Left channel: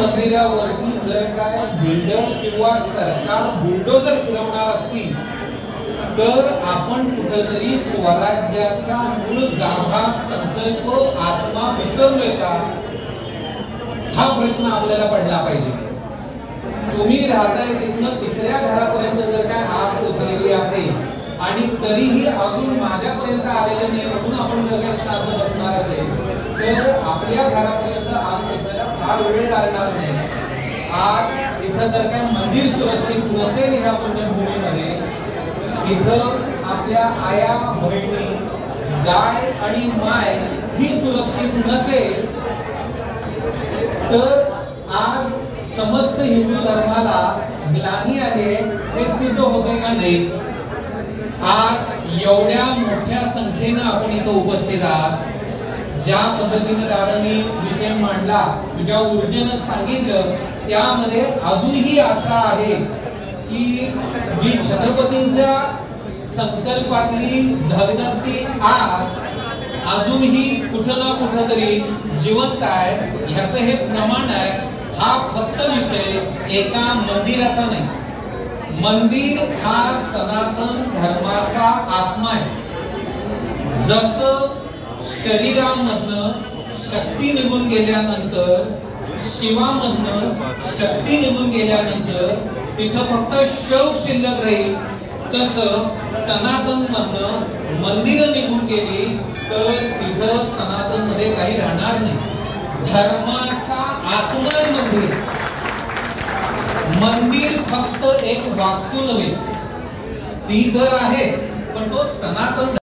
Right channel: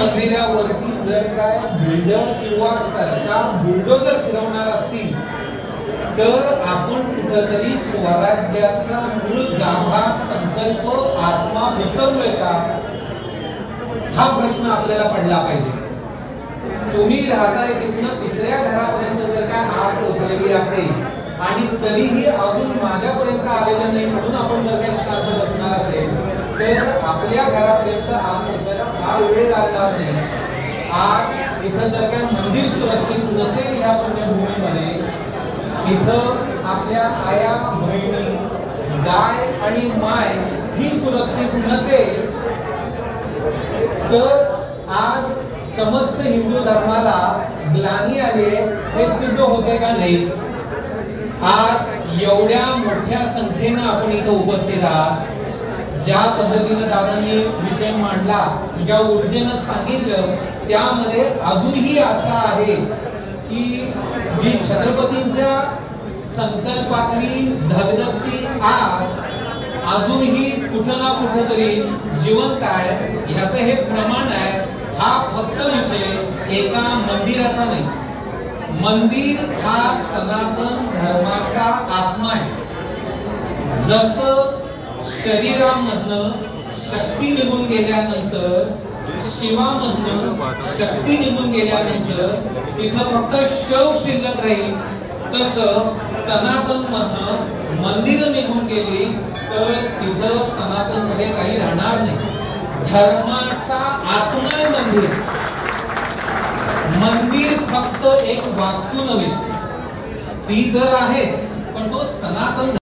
मंदिरावरती जर काय बिल्डर किंवा सरकार बुलडोजर फिरवणार असतील तर आपण कुठेतरी स्वराज्याचा मूळ गाभा संकल्प आत्मा विसरलोय का हा प्रश्न आपल्याला पडला पाहिजे। तुम्ही राहताय तिथून तिसऱ्या घरापर्यंत जर काय आग पोचलेली असेल आणि तरीही अजून माझ्यापर्यंत आलेलं नाही म्हणून आपण जर काही शांत बसणार असेल तर आपल्या घरापर्यंत आग पोचवायला फार वेळ लागणार नाही। आज इथं जर काय मंदिर सुरक्षित नसेल ह्या पुण्यभूमीमध्ये इथं आपल्या आया बहिणी गाय आणि माय ही सुरक्षित नसेल तर आज समस्त हिंदू धर्माला ग्लानी आले हे सिद्ध होते का नाही। आज एवढ्या मोठ्या संख्येने आपण इथं उपस्थित आहात, ज्या पद्धतीने दादांनी विषय मांडला, ज्या ऊर्जेने सांगितलं त्यामध्ये अजूनही आशा आहे की जी छत्रपतींच्या संकल्पातली धगधगती आग अजूनही कुठं ना कुठं तरी जिवंत आहे याचं हे प्रमाण आहे। हा फक्त विषय एका मंदिराचा नाही, मंदिर हा सनातन धर्माचा आत्मा आहे। जसं शरीरामधनं शक्ती निघून गेल्यानंतर, शिवामधनं शक्ती निघून गेल्यानंतर तिथं फक्त शव शिल्लक राहील, तसं सनातन मधनं मंदिर निघून गेली तर तिथं सनातन मध्ये काही राहणार नाही। धर्माचा आत्मा आहे मंदिर। मंदिर फक्त एक वास्तू नव्हे, ती तर आहेच, पण तो सनातन